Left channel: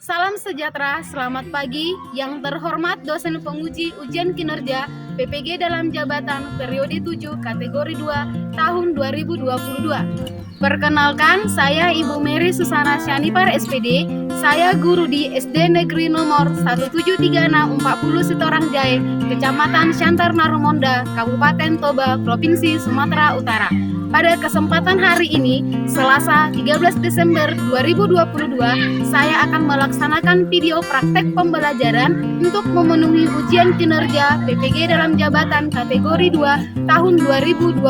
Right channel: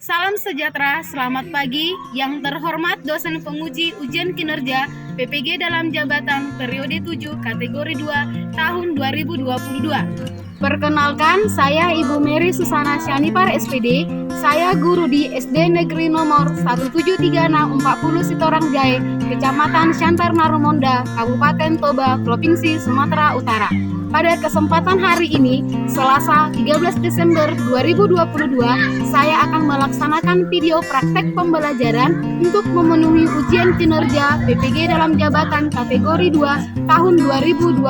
Salam sejahtera, selamat pagi. Yang terhormat dosen penguji ujian kinerja PPG dalam jabatan periode 7 kategori 2 tahun 2022. Perkenalkan, saya Ibu Mary Susana Syanipar SPD. Saya guru di SD Negeri nomor 17340 Sitorang Jae, Kecamatan Syantar Narumonda, Kabupaten Toba, Provinsi Sumatera Utara. Pada kesempatan hari ini, Selasa 13 Desember 2022, saya akan melaksanakan video praktek pembelajaran untuk memenuhi ujian kinerja PPG dalam jabatan kategori 2 tahun 2022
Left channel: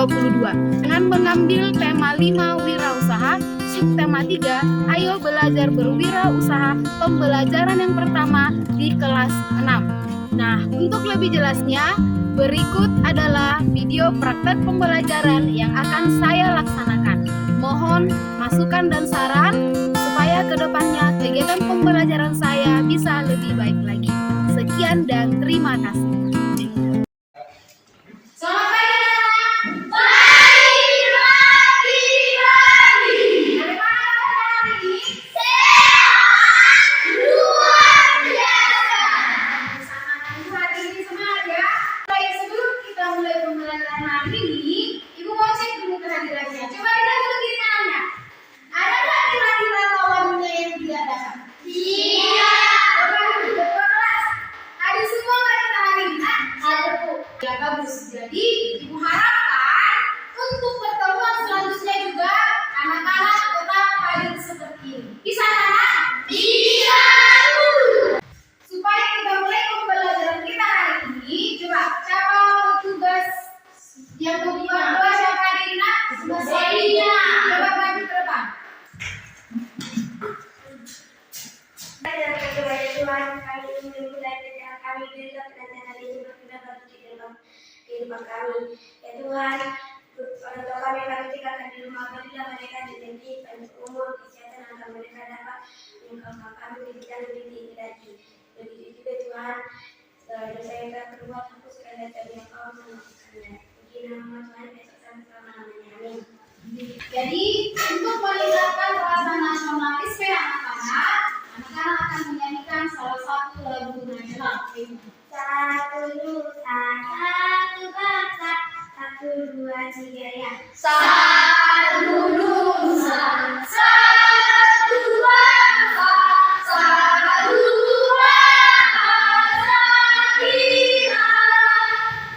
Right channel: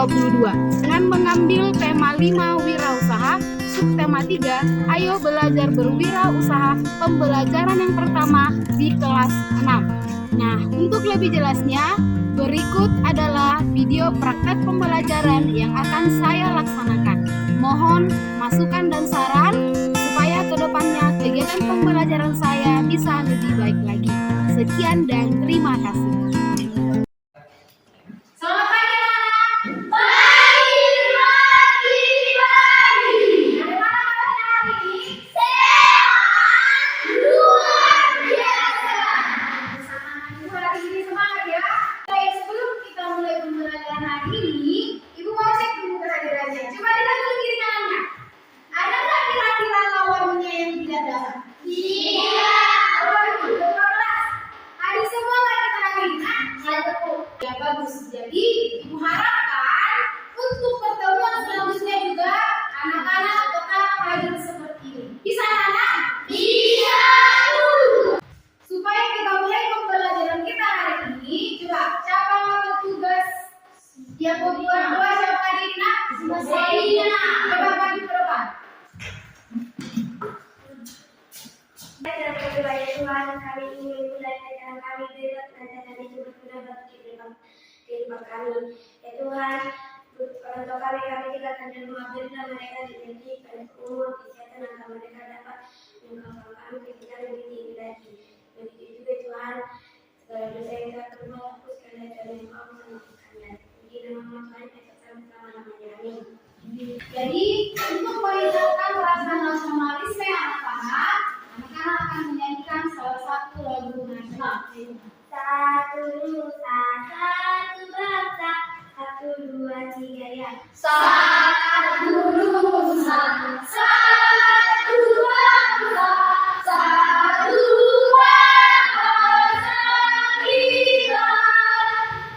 dengan mengambil tema 5 wirausaha, subtema 3, ayo belajar berwirausaha, pembelajaran yang pertama di kelas 6. Nah, untuk lebih jelasnya, berikut adalah video praktek pembelajaran yang akan saya laksanakan. Mohon masukan dan saran supaya kedepannya kegiatan pembelajaran saya bisa lebih baik lagi. Sekian dan terima kasih. Selamat pagi anak-anak. Dari mana kabarnya hari ini? Sehat, luar biasa. Bersama anak ibu hari ini semangat ya. Baik, sebelum kita mulai pembelajaran hari ini, ibu mau cek dulu kehadirannya. Coba lihat dulu kiri kanannya. Ada nggak kira-kira kawannya yang tidak datang? Iya. Coba ketua kelas. Ada semua nggak kita hari ini? Ada Bu. Ya bagus. Jadi ibu harapkan untuk pertemuan selanjutnya juga anak-anak tetap hadir seperti ini. Bisa anak? Iya Bu. Supaya kita mulai pembelajaran kita hari ini, coba siapa mau tugas yang membuat doa siapa hari ini nak? Saya. Coba maju ke depan. Dan kepada Tuhan kami ingin belajar kami berikan dan kami juga sudah bagi kehidupan kami. Ya Tuhan, orang tua kami tinggalkan di rumah, berilah mereka rezeki panjang umur, kesehatan agar mereka dapat mengembangkan kami ke jenjang lebih tinggi lagi. Begitu juga Tuhan, dosa yang tak berbuat hapuskan dan yang kau mengampuninya. Puji nama Tuhan Yesus selama-lamanya. Amin. Jadi untuk meningkatkan rasa nasionalisme anak-anak akan menyanyikan salah satu lagu nasional. Satu nusa, satu bangsa, 1, 2, 3 ya. Satu nusa, satu bangsa, satu bahasa kita.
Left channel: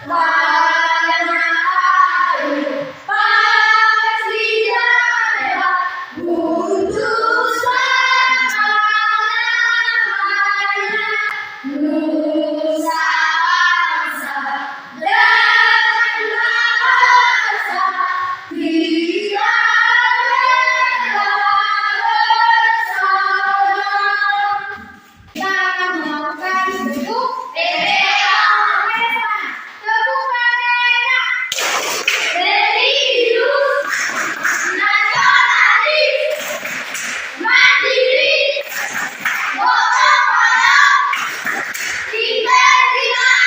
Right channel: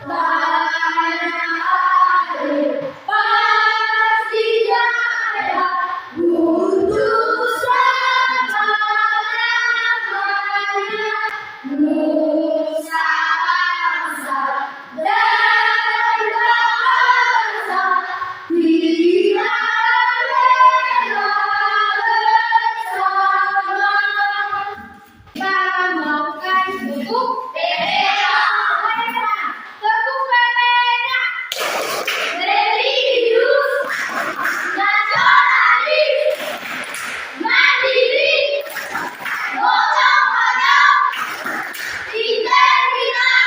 Tanah air pasti jaya untuk selama-lamanya. Nusa bangsa dan bahasa kita rela bersama. Kita akan melakukan bentuk PPA. bentuk PPA. Religius, nasionalis, mandiri, gotong royong, integritas,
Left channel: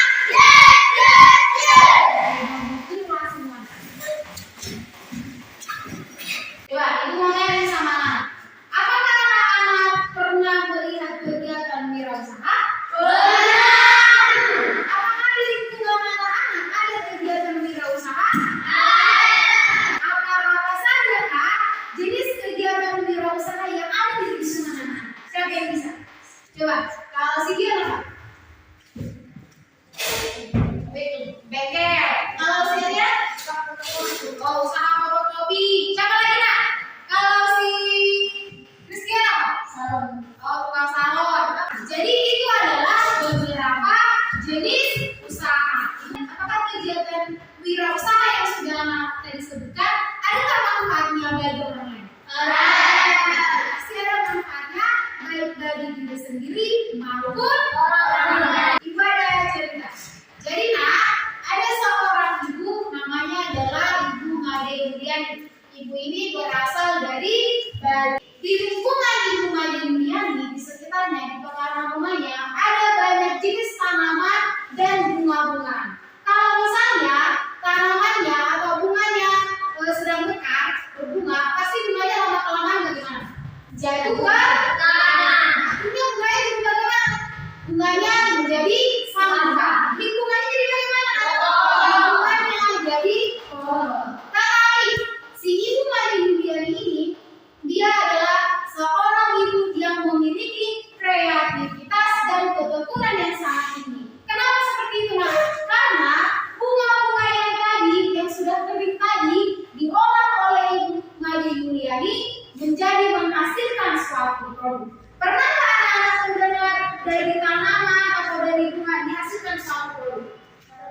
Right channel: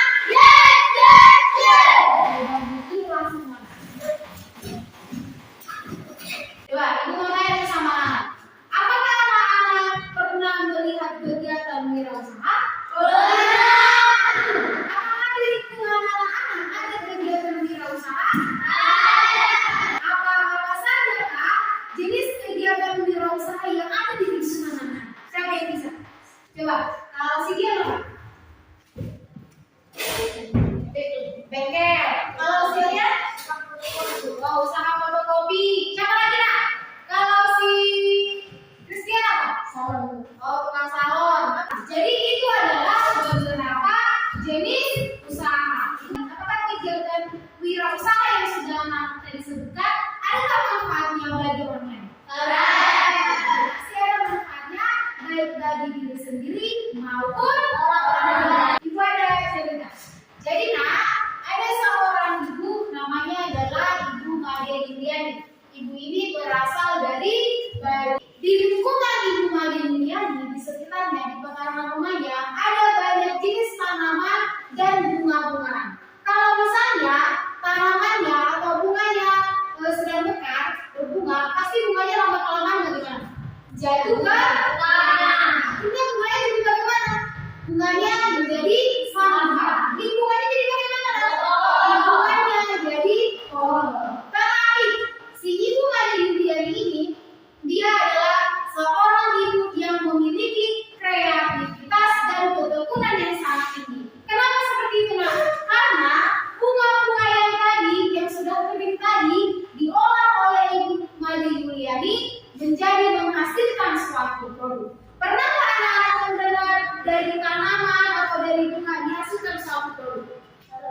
Coba, ibu mau tanya sama anak. Apakah anak-anak pernah melihat kegiatan wirausaha? Apakah di lingkungan anak-anak ada kegiatan wirausaha? Apa saja kak jenis kegiatan wirausaha yang ada di lingkungan anak? Siapa yang bisa? Coba, kalau si dia apa? Bengkel. Kalau si dia? Oh, usaha fotokopi. Siapa lagi nak? Kalau si Christian apa? Salon. Oh, tukang salon. Jadi itu adalah beberapa jenis usaha. Apakah kegiatan wirausaha yang sudah anak tadi sebutkan adakah manfaatnya bagi orang lain? Pasti ada manfaatnya baik bagi diri sendiri maupun orang lain. Ibu ada cerita. Jadi nak, ada seorang ibu namanya adalah Ibu Made Yuliani. Ibu ini berasal dari Bali. Di lingkungan Ibu Made Yuliani, di sekitarnya, di pekarangan rumahnya, ada banyak jenis tanaman dan bunga-bungaan. Kalau misalnya tanamannya atau bunganya sedang mekar, berbunga, pasti bunganya lama kelamaan bagaimana? Jatuh ke tanah. Artinya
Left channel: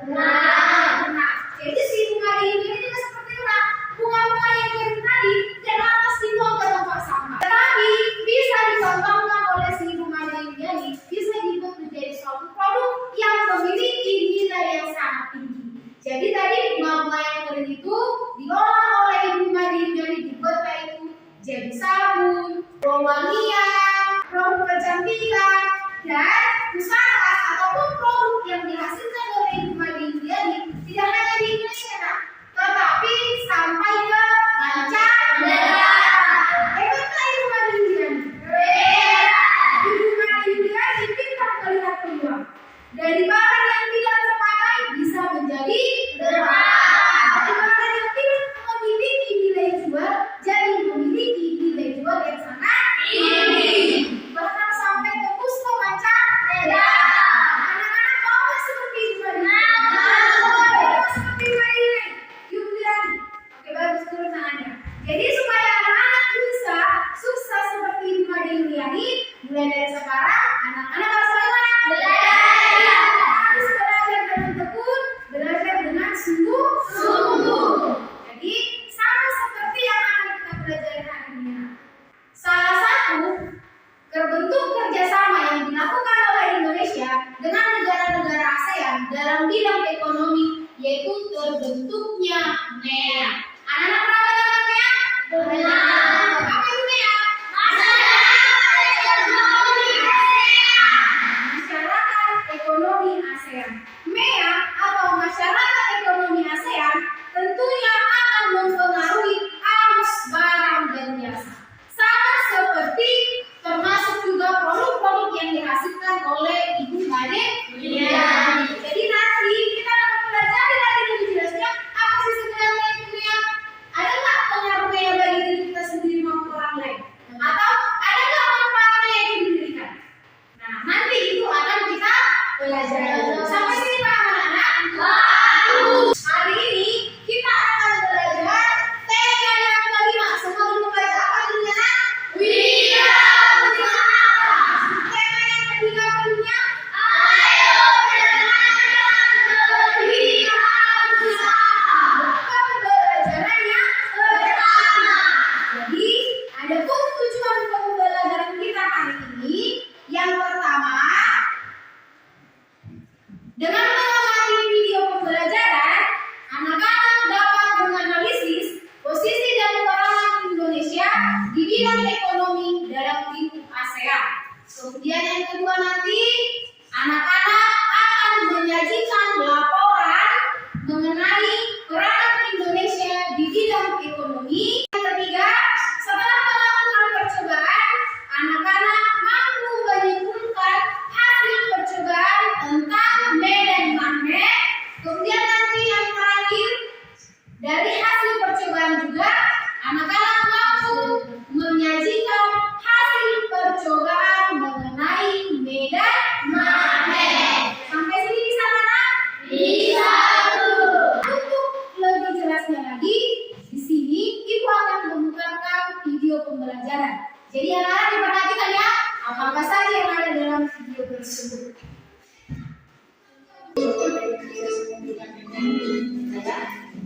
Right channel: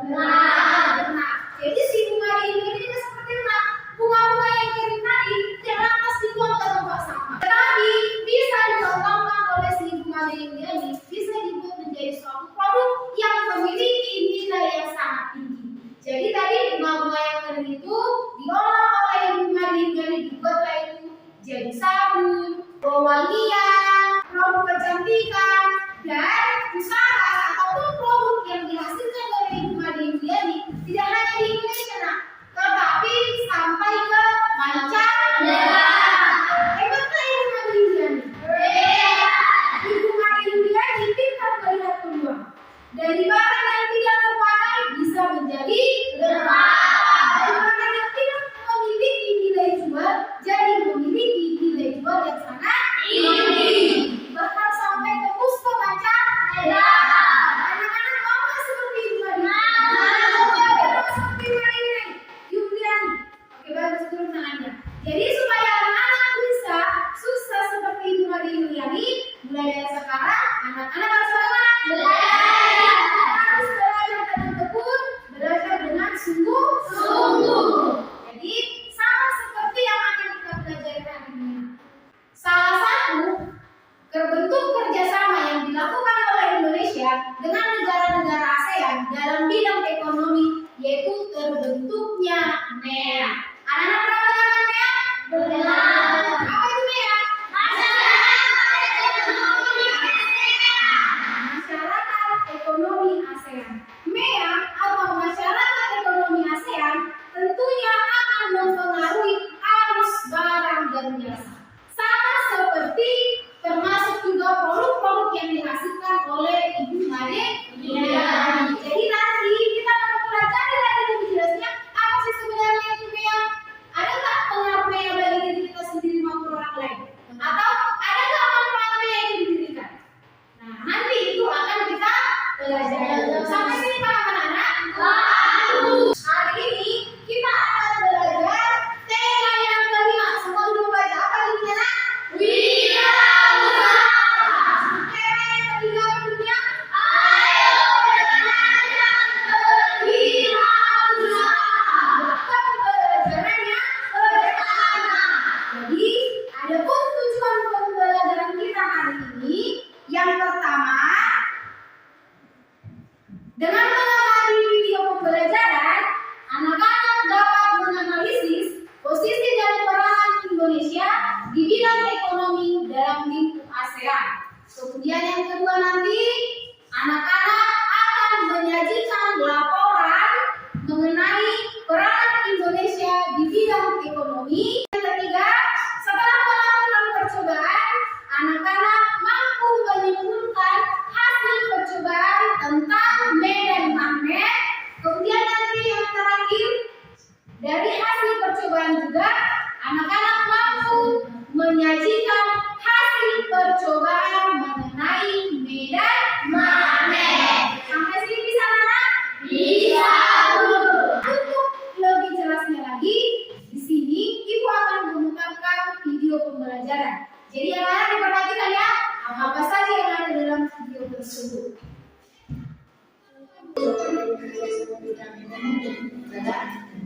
Benar. Jadi si bunga di Indonesia juga seperti itu, Nak. Bunga-bunga yang kering tadi tidak lantas dibuang ke tempat sampah, tetapi bisa dikembangkan oleh si bunga di Indonesia ini, bisa dibuat menjadi suatu produk yang memiliki nilai yang sangat tinggi. Jadi tadi bunga-bunga yang kering itu diolah oleh ibu Mari dari dibuatlah itu jadi sabun, wewangian, produk kecantikan, dan usaha ataupun produk yang dihasilkan oleh ibu Mari ini tidak hanya di Indonesia, Nak, tetapi sampai ke mancanegara. Hebatkah ibu Mari Yuliani? Ibu Mari Yuliani pintar melihat peluang. Dari barang yang tidak terpakai bisa menjadi terpakai. Dari barang yang tidak memiliki nilai jual jadi memiliki nilai jual yang sangat tinggi. Bahkan sampai tembus ke mancanegara. Anak-anak mau nggak seperti Ibu Mari? Mau seperti Mari Yuliani? Oke, bagus, turun tangannya. Jadi supaya anak-anak bisa sukses seperti Ibu Mari Yuliani, mulai dari sekarang anak-anak harus bagaimana? Harus belajar dengan tekun, belajar dengan sungguh-sungguh. Jadi sama seperti yang akan kita pelajari hari ini. Salah satu bentuk kerjasama yang dilakukan oleh Indonesia dengan negara-negara ASEAN dalam bidang ekonomi yaitu terbentuknya MEA. Anak-anak pernah dengar MEA? Benar. Apa itu MEA? Masyarakat Ekonomi ASEAN. MEA atau Masyarakat Ekonomi ASEAN tentunya akan mempengaruhi arus barang dan jasa. Sama seperti termasuk juga produk-produk yang dihasilkan oleh Ibu Mari Yuliani. Jadi nanti kita akan mempelajari lagi lebih jelasnya apa sih sebenarnya itu MEA. Ada nggak pengaruh MEA bagi diri kita sendiri maupun orang lain? Atau ada nggak manfaat MEA yang didirikan? Nah, nanti itu akan kita pelajari. Sampai sini paham anak-anak? Hari ini kita akan belajar tema yang kelima. Semua dulu membaca apa judulnya, Nak? Wirausaha. Tema yang ketiga judulnya? Ayo belajar berwirausaha. Pembelajarannya pertama. Jadi ada pun tujuan pembelajaran kita hari ini. Yang pertama, dengan mengamati video pembelajaran, anak-anak dapat menganalisis posisi dan peranan Indonesia di bidang ekonomi dalam lingkup ASEAN. Kemudian yang kedua nanti, anak-anak akan menyajikan laporan mengenai peranan Indonesia di bidang ekonomi. Yang ketiga, setelah melakukan percobaan, anak-anak mampu menyimpulkan hasil percobaan tentang medan magnet. Kemudian nanti yang terakhir, dari hasil percobaan juga anak-anak mampu menyajikan hasil percobaan mengenai medan magnet. Sampai sini bisa, anak? Bisa, Bu. Untuk lebih jelasnya lagi, di sini Ibu akan memutarkan video pembelajaran. Jadi anak-anak diperhatikan ya, apa saja yang ada dalam video tersebut.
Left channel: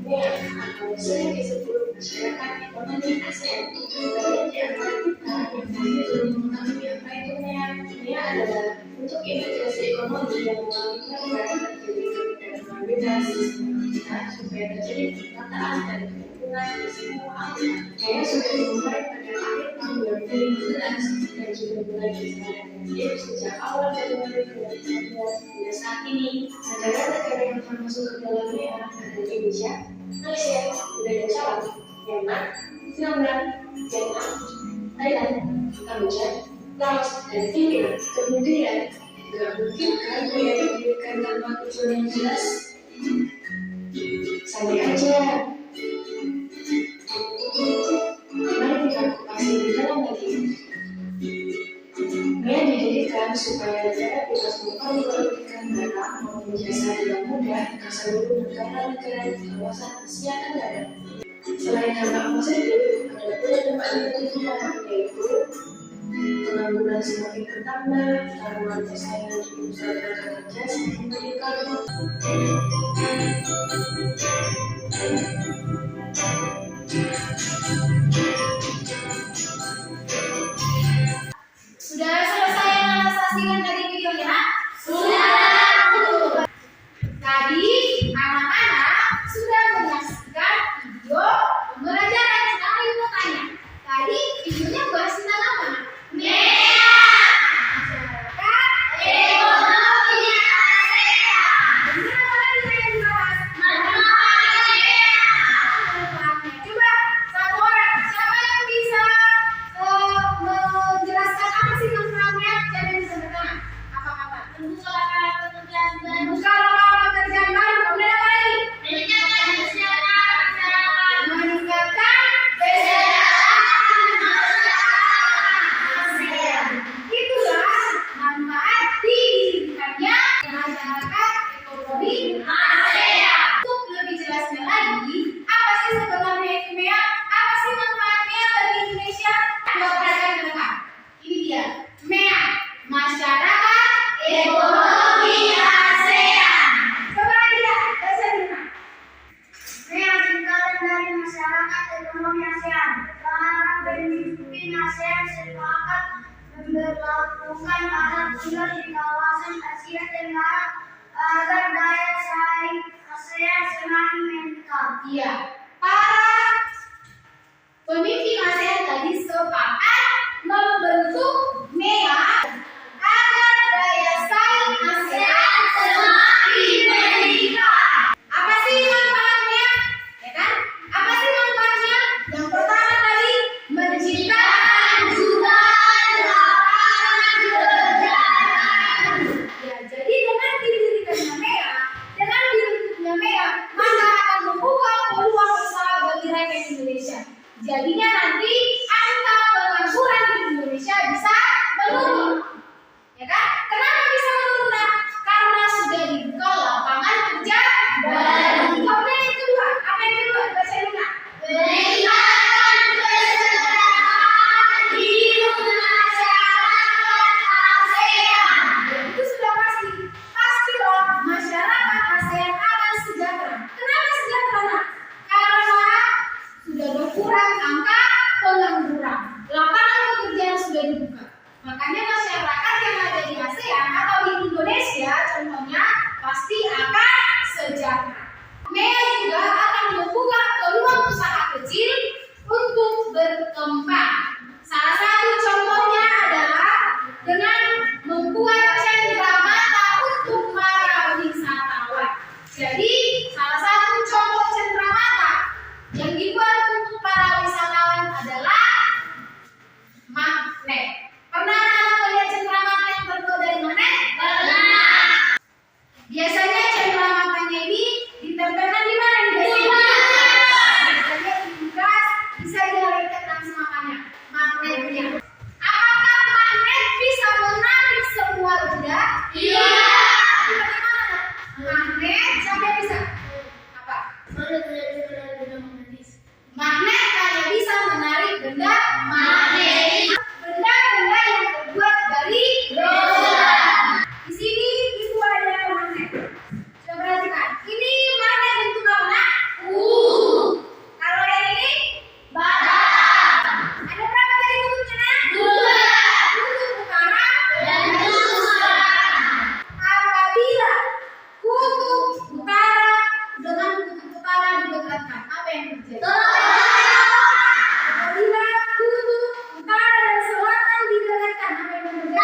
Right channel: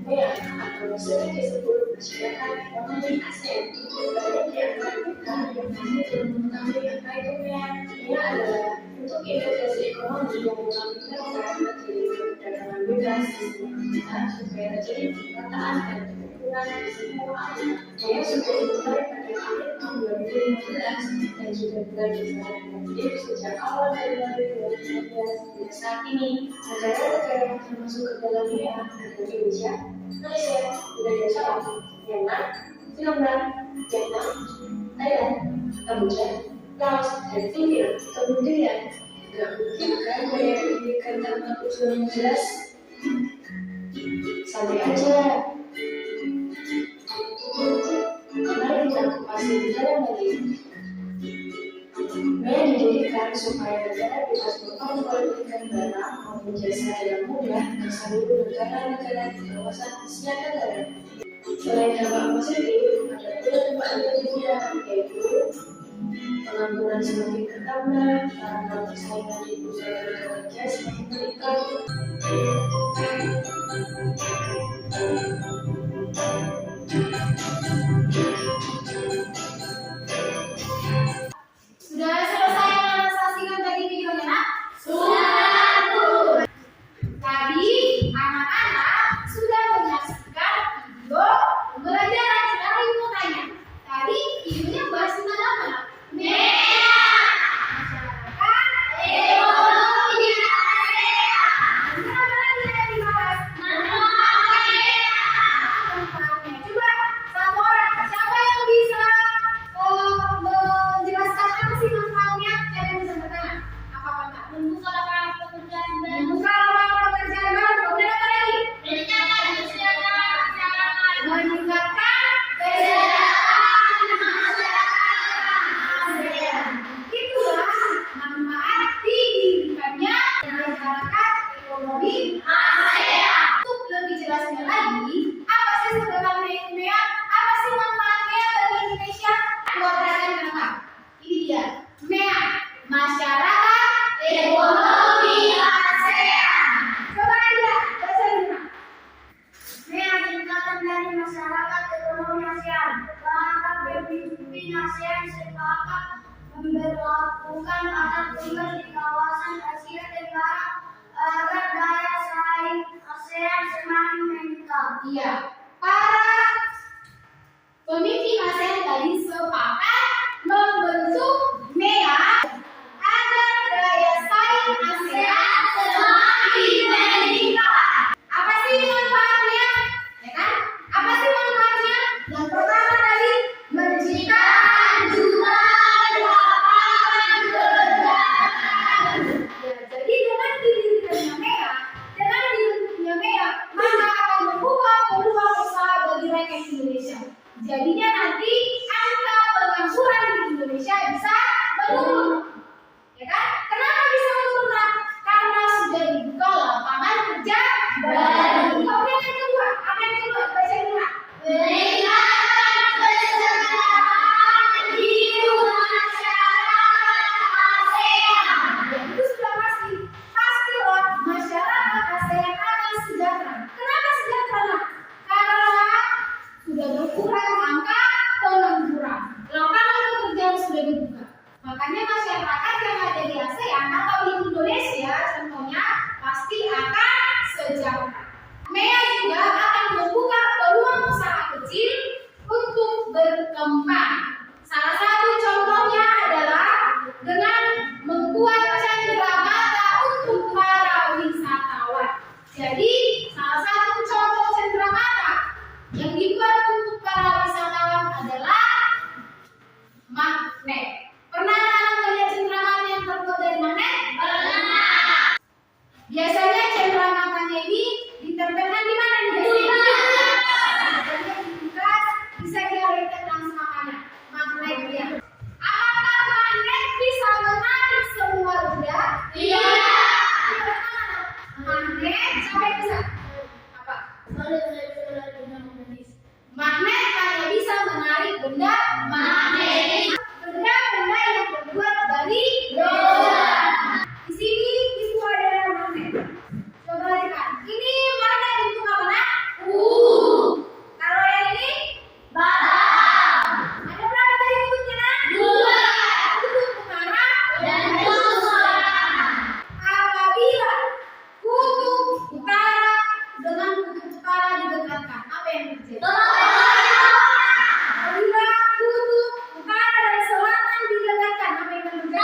MEA atau sering disebut Masyarakat Ekonomi ASEAN. Banyak di antara kita yang masih belum mengetahui apa itu MEA. MEA adalah bentuk integrasi ekonomi yang mengalihkan barang terjadi perdagangan bebas di semua negara supaya terjadi penerataan dan keuntungan di semua area. MEA sudah dimulai pada akhir tahun 2015 dan sudah mulai berjalan aktif sejak awal Februari 2015. Hingga saat ini, negara-negara yang termasuk ke dalam MEA adalah Indonesia, Malaysia, Darussalam, Myanmar, Vietnam, Thailand, Kamboja, Laos, dan Filipina. Kemudian, nggak mungkin kan MEA didirikan tanpa tujuan yang jelas? Santai aja. Mari kita kupas lebih dalam lagi. MEA didirikan supaya negara bebas memperjualbelikan barang maupun jasa dengan mudah ke seluruh negara-negara di kawasan Asia Tenggara. Selain hamba apa saja, ada pula tempat ibadah juga, yaitu pengangguran semakin bertambah karena persaingan di bursa tenaga kerja semakin meningkat. Sudah selesai yang saksikan tadi videonya, nak? Tadi anak-anak sudah menyaksikan video pembelajaran. Sekarang ibu mau tanya, tadi videonya bahas tentang apa, nak? Masyarakat, ekonomi, ASEAN. Ini apa lagi yang dibahas? Manfaatnya. Coba satu orang, siapa yang bisa menjelaskan apa sih manfaatnya? Siapa yang bisa bertanya? Apa kata? Membuka lapangan pekerjaan baru. Membuka lapangan pekerjaan baru. Kemudian apa lagi? Meningkatkan kesejahteraan masyarakat. Meningkatkan kesejahteraan masyarakat. Itulah manfaat didirikannya masyarakat ekonomi ASEAN. Untuk lebih jelasnya lagi, apa sih sebenarnya itu MEA? Apa sih manfaatnya bagi Indonesia? Coba perhatikan dengan ini dia, MEA, Masyarakat Ekonomi ASEAN. Coba lihat, baca dulu. MEA singkatan dari Masyarakat Ekonomi ASEAN. Berharap pemimpin ASEAN sepakat memberlakukan pasar tunggal di kawasan Asia Tenggara agar daya saing ASEAN semakin meningkat. Iya, para pemimpin ASEAN tadi sepakat membentuk MEA agar daya saing ASEAN semakin meningkat. Apa sih manfaatnya? Ya kan? Apa sih manfaatnya? Yang pertama tadi menciptakan jutaan lapangan kerja. Ya, jadi dengan didirikannya MEA, dengan dibentuknya MEA, maka akan membuka peluang usaha bagi rakyat Indonesia. Jadinya nanti angka pengangguran di Indonesia bisa menurun. Ya kan? Kenapa bisa menurun? Nah, karena sudah dibuka lapangan kerja baru. Kemudian yang kedua, apa yang kedua? Baca dulu, Nak. Meningkatkan kesejahteraan hidup masyarakat ASEAN. Ya, itu sudah pasti. Pastilah masyarakat ASEAN akan sejahtera. Kenapa sejahtera, Nak? Karena sudah berkurang angka pengangguran. Lapangan pekerjaan sudah dibuka. Makanya masyarakat yang ada di ASEAN atau di Indonesia contohnya pasti akan sejahtera. MEA juga akan membuka peluang usaha kecil untuk berkembang. Salah satu contohnya adalah dengan membuat cenderamata untuk para wisatawan. Jadi salah satu contoh cenderamata yang dibuat untuk para wisatawan adalah magnet. Pernah anak melihat cenderamata yang terbuat dari magnet? Pernah. Biasanya cenderamata ini ditempelkan di mana? Di biasanya di gas bisa dialihkan langsung apanya? Magnetnya. Apakah magnet bisa menarik semua roda? Iya. Bagaimana? Magnet sampai bisa apa? Magnet hanya bisa menarik benda magnetis. Benda-benda yang terbuat dari logam. Di sini itu ada magnet. Coba perhatikan. Ini magnet bentuk apa, Nak? Kalau yang ini bata. Ada berapa tadi bentuknya, Nak? 2. Kutub utara dan kutub selatan. Apabila kutub utara dengan kutub utara didekatkan, apa yang terjadi? Apabila kutub utara dan selatan didekatkan, apa yang terjadi?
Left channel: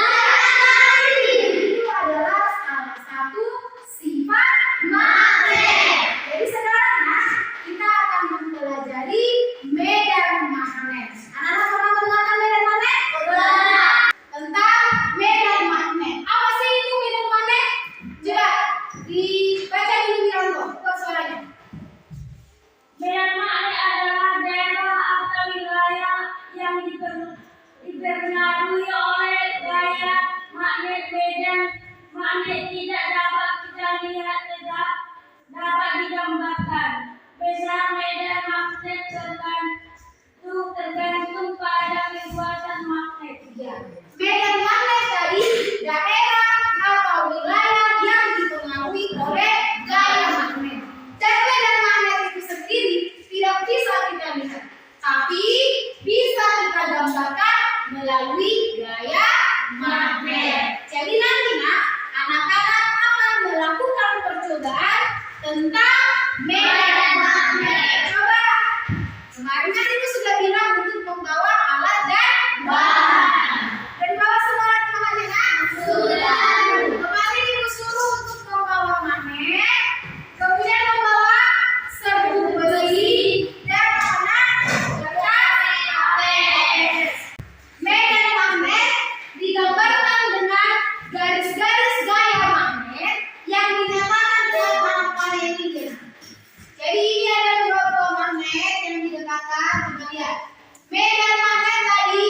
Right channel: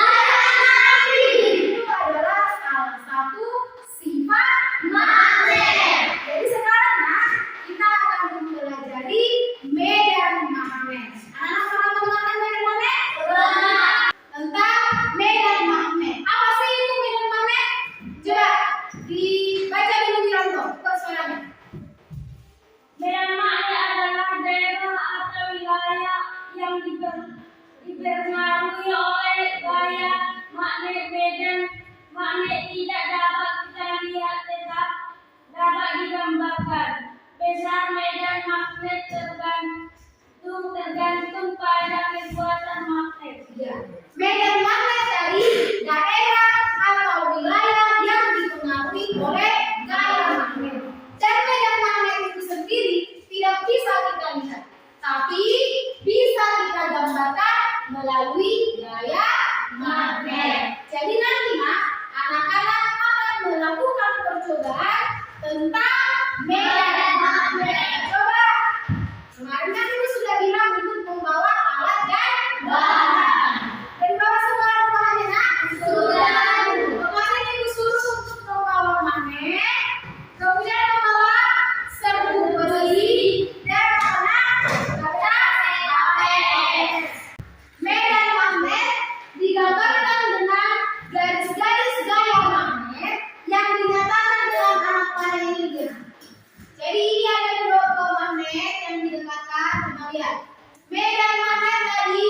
daerah atau wilayah yang dipengaruhi oleh gaya magnet. Dan medan magnet itu sendiri tidak bisa kita lihat, tapi bisa kita gambarkan melalui gaya magnet. Jadi nanti anak-anak akan melakukan percobaan tentang medan magnet. Coba, kemarin kan itu sudah bilang untuk membawa alat dan bahan. Dan bawa semua alat bahannya, nak? Sudah. Kemarin itu suruh untuk membawa magnet, kemudian membawa serbuk besi dan kertas. Medan magnet digambarkan dengan garis-garis gaya magnet yang dinyatakan dengan anak panah ini. Jadi ini ada beberapa magnet yang didekatkan. Coba lihat. Medan magnet tadi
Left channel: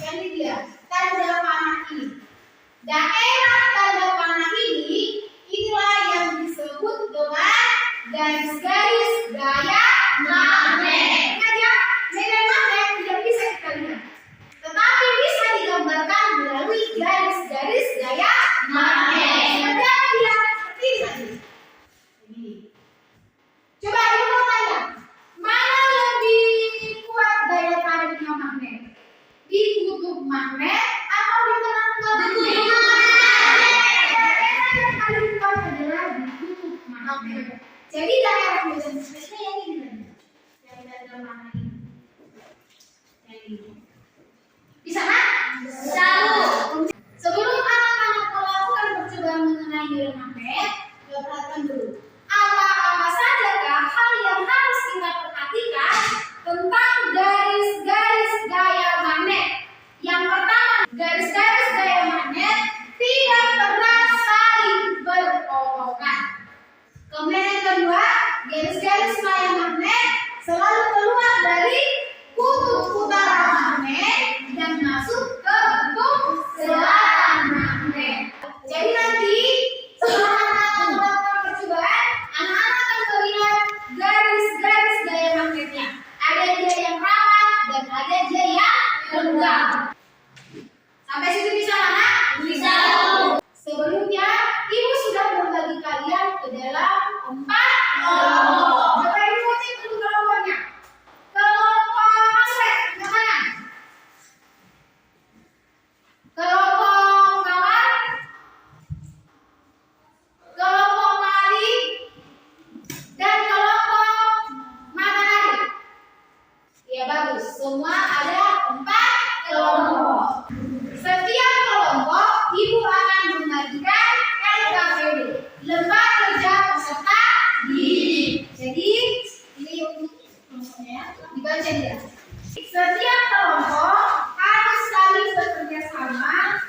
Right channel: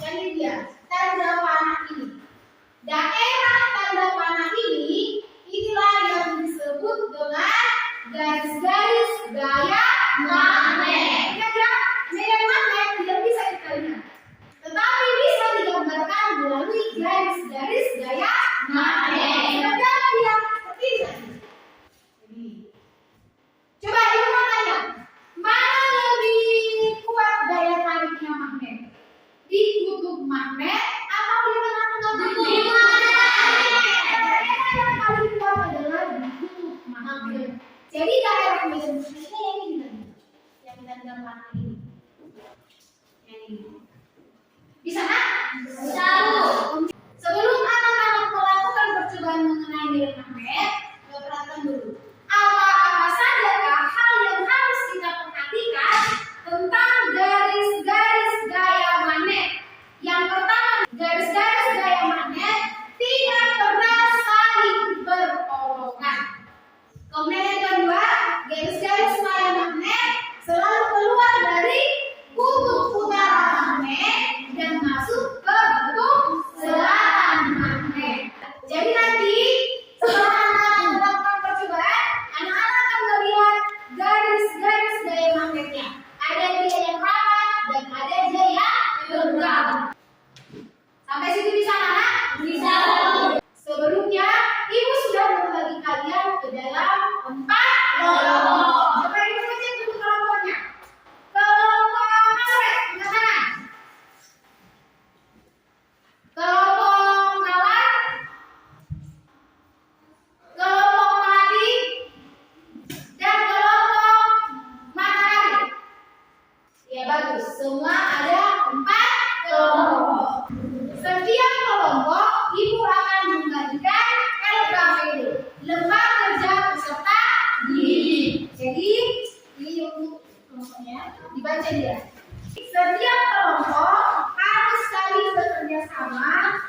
yang ini dia, tanda panah ini. Daerah tanda panah ini inilah yang disebut dengan garis-garis gaya magnet. Ingat ya, medan magnet tidak bisa kita lihat, tetapi bisa digambarkan melalui garis-garis gaya magnet. Seperti apa dia? Seperti ini tadi. Ini. Coba ibu mau tanya, mana lebih kuat daya tariknya magnet? Di kutub magnet atau di tengah-tengah magnet? Daerah yang paling kuat adalah di kutub magnet. Jadi daerah medan magnetnya yang ini tadi, yang tanda panah ini. Yang ini. Bisa nak? Bisa. Sebelum anak-anak melakukan percobaan mengenai medan magnet, perhatikan dulu. Apa-apa sajakah hal yang harus kita perhatikan tentang garis-garis gaya magnet? Yang pertama, garis-garis gaya magnet tidak pernah saling berpotongan. Kemudian yang kedua, garis-garis gaya magnet selalu keluar dari kutub utara magnet dan masuk ke kutub selatan magnet. Jadi nanti setelah anak-anak melakukan percobaan, anak-anak akan melihat garis-garis gaya magnetnya. Ada dia yang rapat dan ada dia yang lenggang. Sampai situ bisa anak? Bisa. Sebelumnya ibu sudah membagi kalian ke dalam 4 kelompok. Coba ibu cek dulu kelompoknya. Kelompok Maswet, sebelah kanan. Kelompok Mawar, kelompok Melati, dan kelompok Matahari. Ya bagus, semua ada 4 kelompok. Setiap kelompok ibu akan membagikan LKPD, lembar kerja peserta didik. Jadi ini untuk kelompoknya dibaca dia. Setiap kelompok harus saling bekerja sama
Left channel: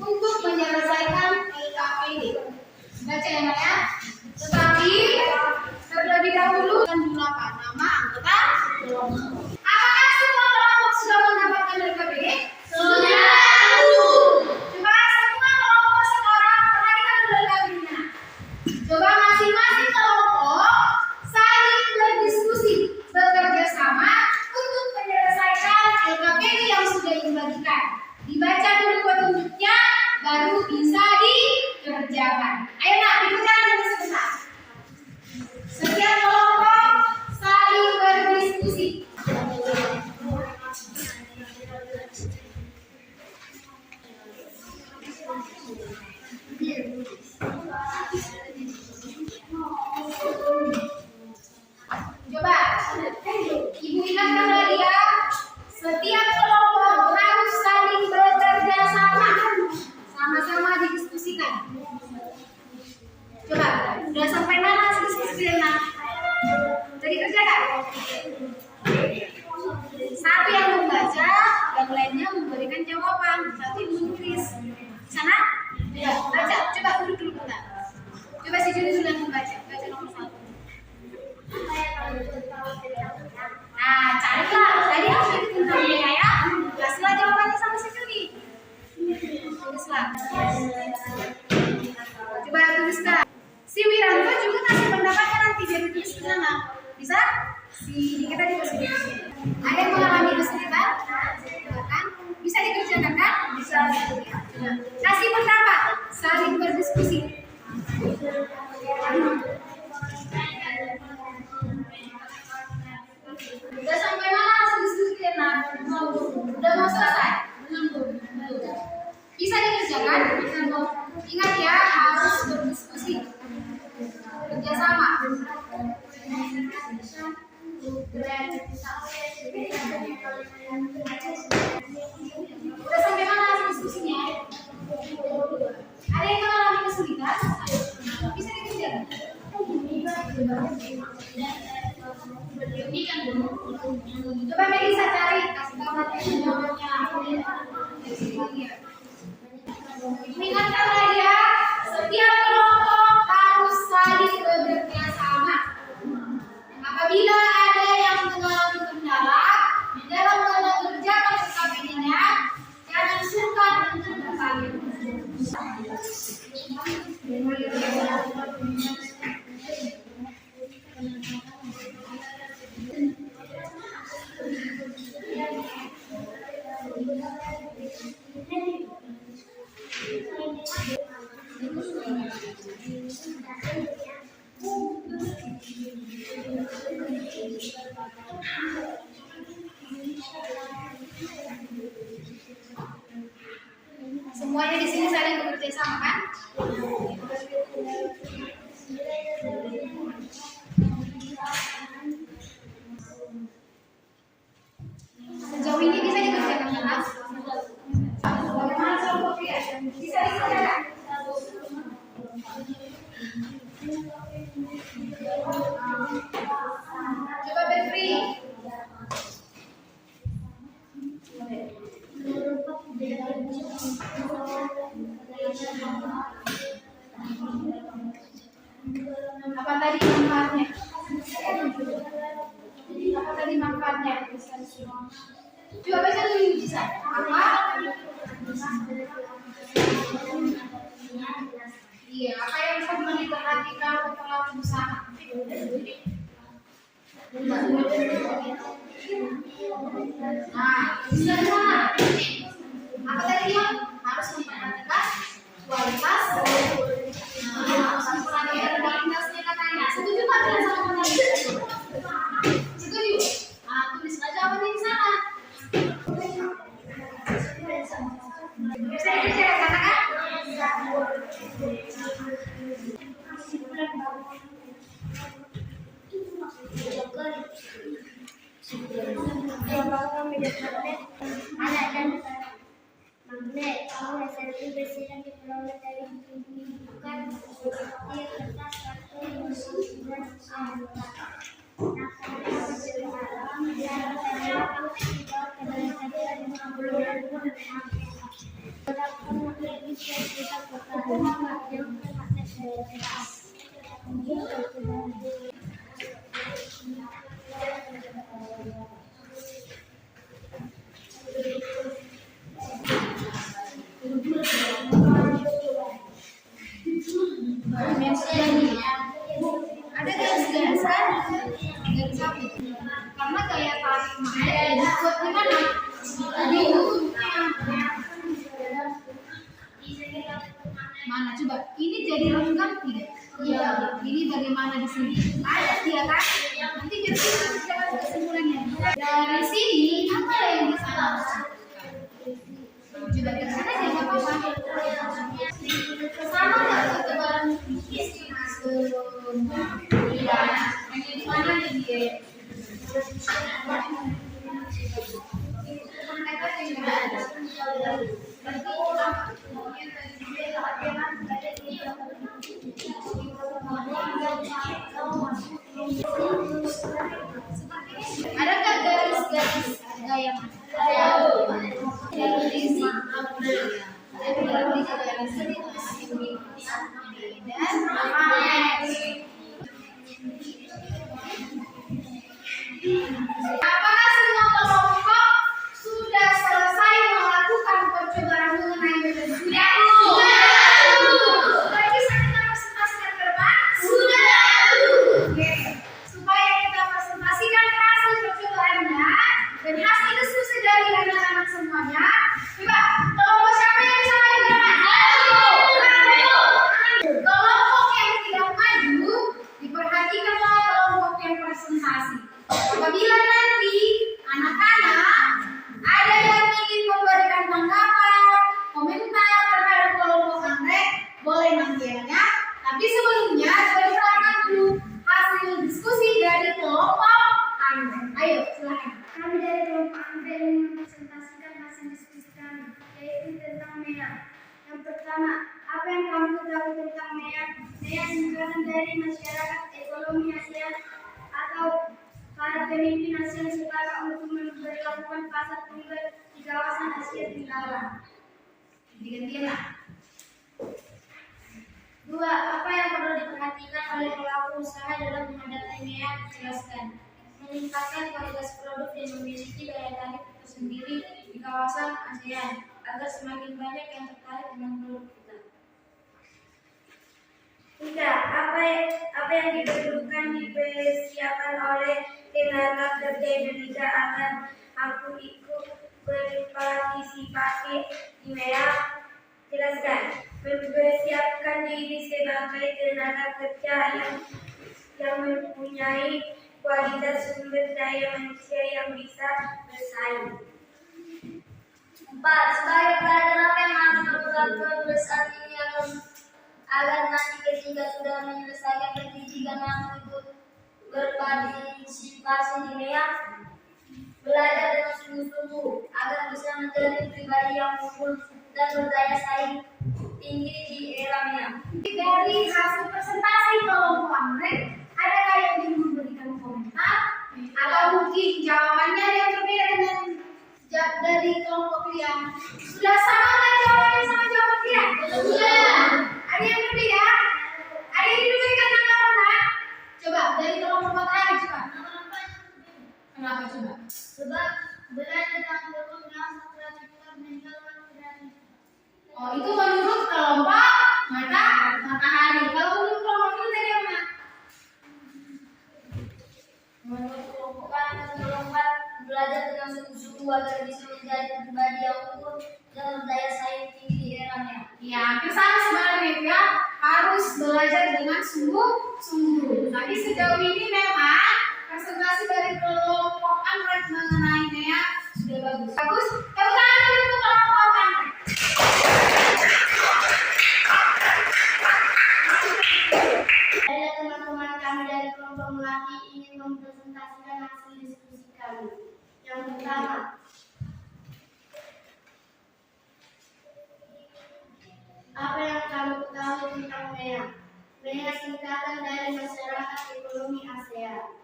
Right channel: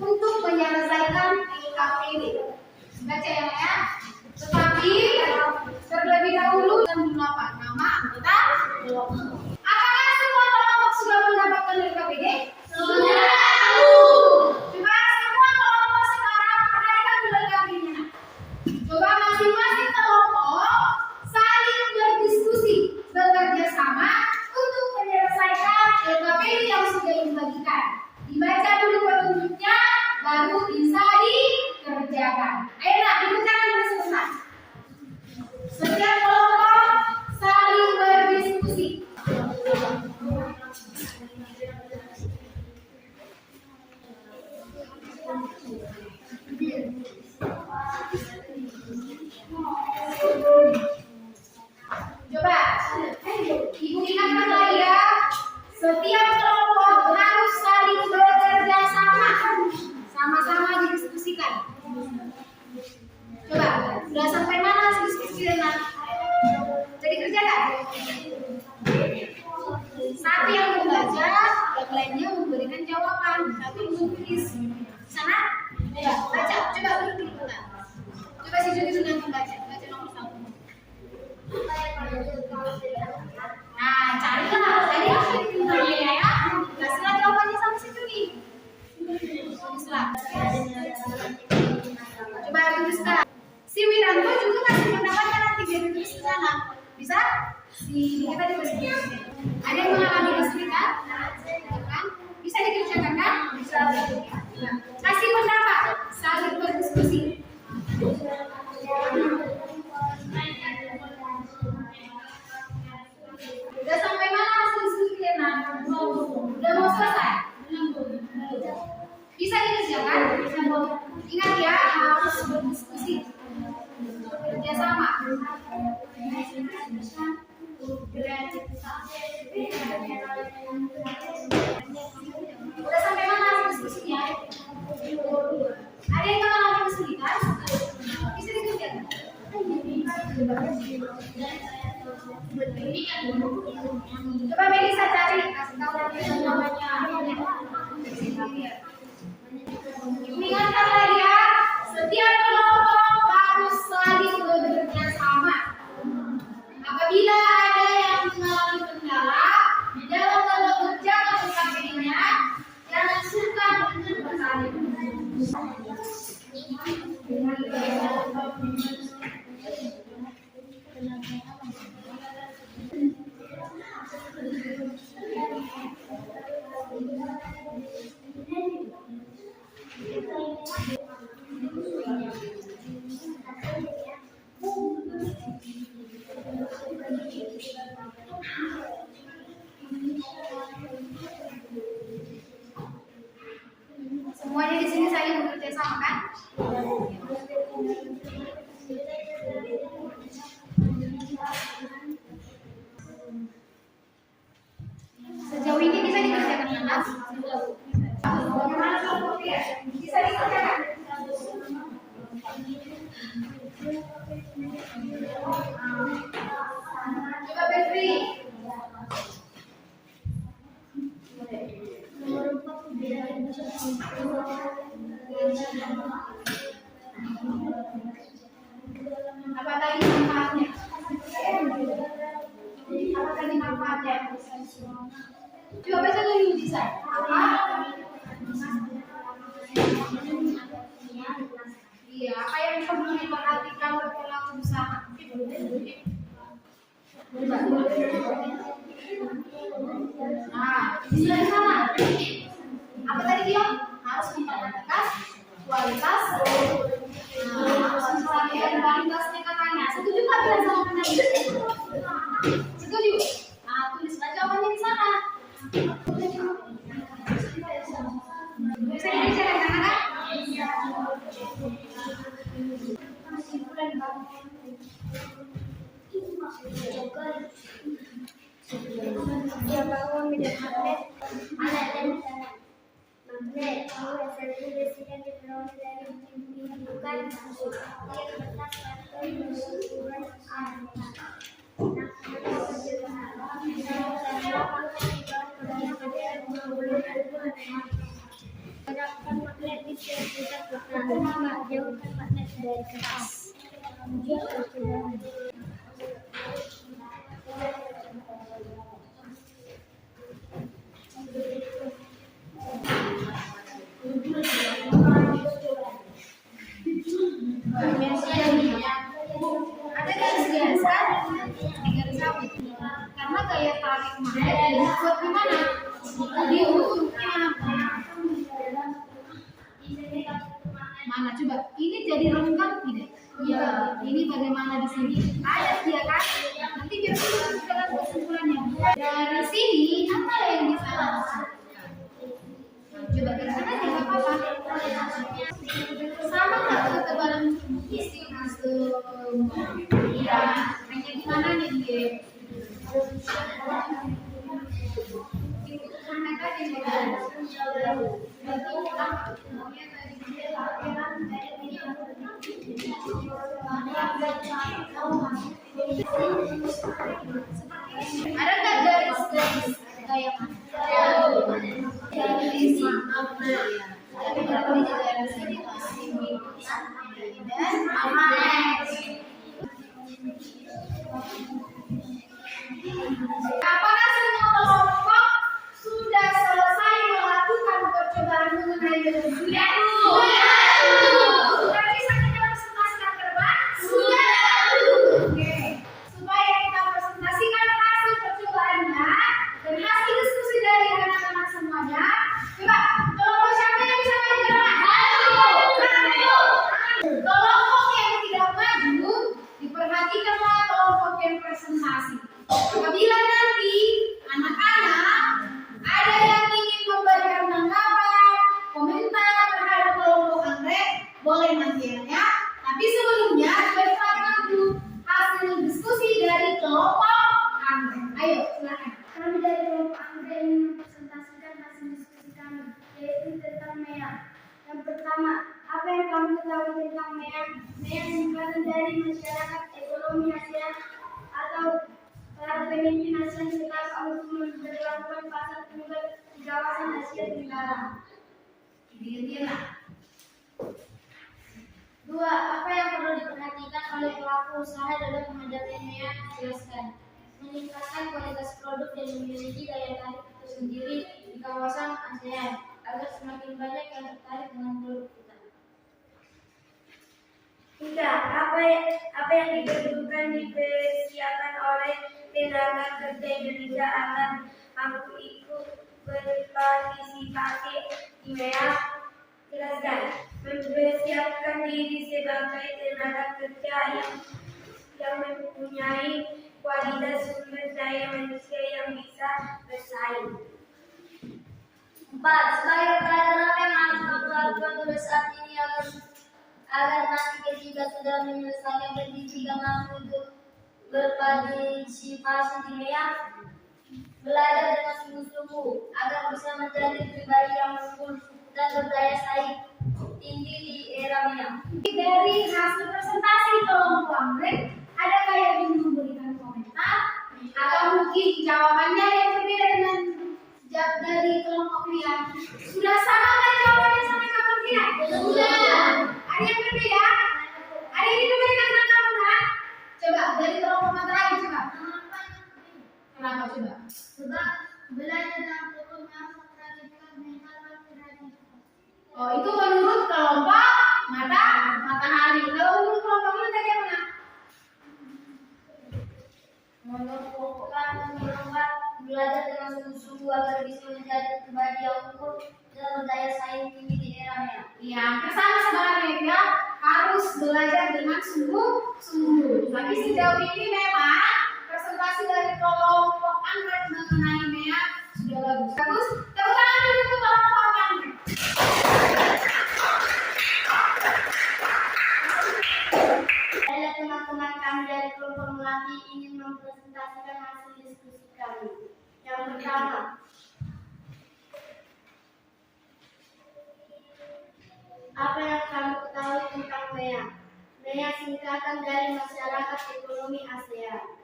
untuk menyelesaikan LKPD. Baca ya nak ya. Tetapi terlebih dahulu kan apa? Nama anggota kelompok. Apakah semua kelompok sudah mendapatkan LKPD? Sudah. Coba semua kelompok sekarang perhatikan dulu LKPD-nya. Coba masing-masing kelompok saling berdiskusi, bekerja sama untuk menyelesaikan LKPD yang sudah dibagikan. Dibaca dulu petunjuknya, baru bisa dikerjakan. Ayo nak, dikerjakan dulu sebentar. Setiap kelompok saling berdiskusi. Coba, ibu ingatkan lagi ya. Setiap kelompok harus saling bekerja sama. Sama-sama didiskusikan. Coba, udah sampai mana diskusi dengan? Udah dikerjakan? Satu yang membaca, yang lainnya memberikan jawaban. Satu yang menulis. Sana? Ya, baca. Coba duduk dulu bentar. Coba si Juni dulu yang membaca. Baca nomor 1. Nah, carilah. Tadi apa yang ditanya ya? Kasihlah jawabannya sama si Juni. Tulislah. Coba tuliskan. Si Wiranto juga kasih pendapatnya nanti biar ditulis di sana. Bisa? Si kita juga tulis. Ada yang mengalami kesulitan? Kan? Kasih pendapat, saling berdiskusi. Udah sampai mana hasil diskusi kalian? Udah mau selesai? Belum. Bisa dikerjakan? Ingat ya, harus berdiskusi, kerjasama. Udah sampai mana hasil diskusinya? Ada yang mengalami kesulitan? Bisa dikerjakan? Coba Melisa cari, kasih tahu namanya. Ingatkan lagi ya, setiap kelompok harus saling bekerja sama. Apabila ada yang mengalami kendala di dalam mengerjakan PKPD-nya, jangan sungkan untuk bertanya. Semuanya di sini saling bekerja sama kan? Sejauh ini bisa dikerjakan kan? Bagaimana kelompok dia? Bisa dikerjakan? Coba Bevri. Apa tadi manfaatnya? Apa tadi manfaatnya? Coba baca dulu bisa. Apa? Iya, apa yang perlu diperhatikan oleh pelaku usaha? Nah, bisa di sana. Apa tadi dia? Harus memperhatikan kualitas. Harus memperhatikan kualitasnya katanya. Setuju nggak bilang sama penanya? Setuju? Nah, tulislah jawabannya di sana. Bisa dikerjakan kan? Anak dan magnet, kamu dasarnya besi dan diperoleh dari bukan seperti kertas, karton, bulan, aneka. Terapkan magnet bisa kita jauhkan magnet dari kertas. Ada garis-garis kan? Garis apa? Karena gaya tarik magnet dibuat di mana? Di ujungnya. Mana coba? Ini jadi renggang tidak? Iya. Ini bagaimana di sini? Ada dia kan? Nanti biar kita jalan kesimpulannya. Dari sini apa yang bisa lakukan? Coba ke sana aja nggak apa-apa. Sama nggak ketebalan isi semua? Iya. Hanya di mana nih dia? Ada nggak garis-garis gaya mana? Garis yang berarti di daerah sini dan magnet. Apakah semua kelompok sudah selesai melakukan percobaan mengenai metode sudah? Sudah bisa kita presentasikan ke depan? Sudah. Oke. Supaya pertama, apa yang kamu ketahui tentang MEA? MEA singkatan dari Masyarakat Ekonomi ASEAN atau para pemimpin ASEAN sepakat untuk memperlakukan pasar tunggal di kawasan Asia Tenggara. Gantian. Dua, apa yang perlu diperhatikan oleh pelaku usaha dalam menghadapi MEA? Jelaskan. Meningkatkan kualitas produk dan memiliki daya tarik tersendiri di kawasan ASEAN agar semakin banyak yang tertarik dengan produk kita. Tiga, apa yang dipersiapkan oleh tenaga kerja Indonesia agar mampu ikut berpartisipasi di MEA? Jelaskan. Mempersiapkan diri sebagai tenaga kerja yang mempunyai kualitas sumber daya manusia yang bisa bersaing. 4. Sebagai pelajar apa yang harus kamu lakukan mulai saat ini agar nanti ketika sudah menyelesaikan pendidikan mampu ikut berpartisipasi di MEA? Belajar dengan sungguh-sungguh agar bisa menjadi pribadi yang unggul dan berdaya saing tinggi di era MEA. Dari hasil presentasi kelompok Amrek, adakah yang ingin memberikan komentar atau mungkin jawabannya yang berbeda dengan dari kelompok kalian? Sudah sama kan jawabannya sama jawaban kita? Sudah. Ada yang berbeda? Ada yang diberikan tanggapan tak? Coba dari kelompok matahari coba. Kenapa coba? Sebab belajar dan turunnya kreativitas meningkatkan kreativitas. Oh, itu menurut kelompok matahari. Kalau menurut kelompok ini tadi apa? Menurut kelompok kami melompat belajar dengan sungguh-sungguh agar bisa menjadi pribadi yang unggul dan berdaya saing tinggi di era MEA. Ya, hampir sama sebenarnya ya. Harus belajar dengan sungguh-sungguh. Tapi sejauh ini memang presentasi dari kelompok Android mengenai MEA sudah bagus. Bagus. Tepuk tangan dulu untuk kelompok Android. Baiklah teman-teman, kami dari kelompok Melati ingin mempresentasikan hasil diskusi kami. Yang pertama, apa yang kamu ketahui tentang MEA? MEA singkatan dari Masyarakat Ekonomi ASEAN.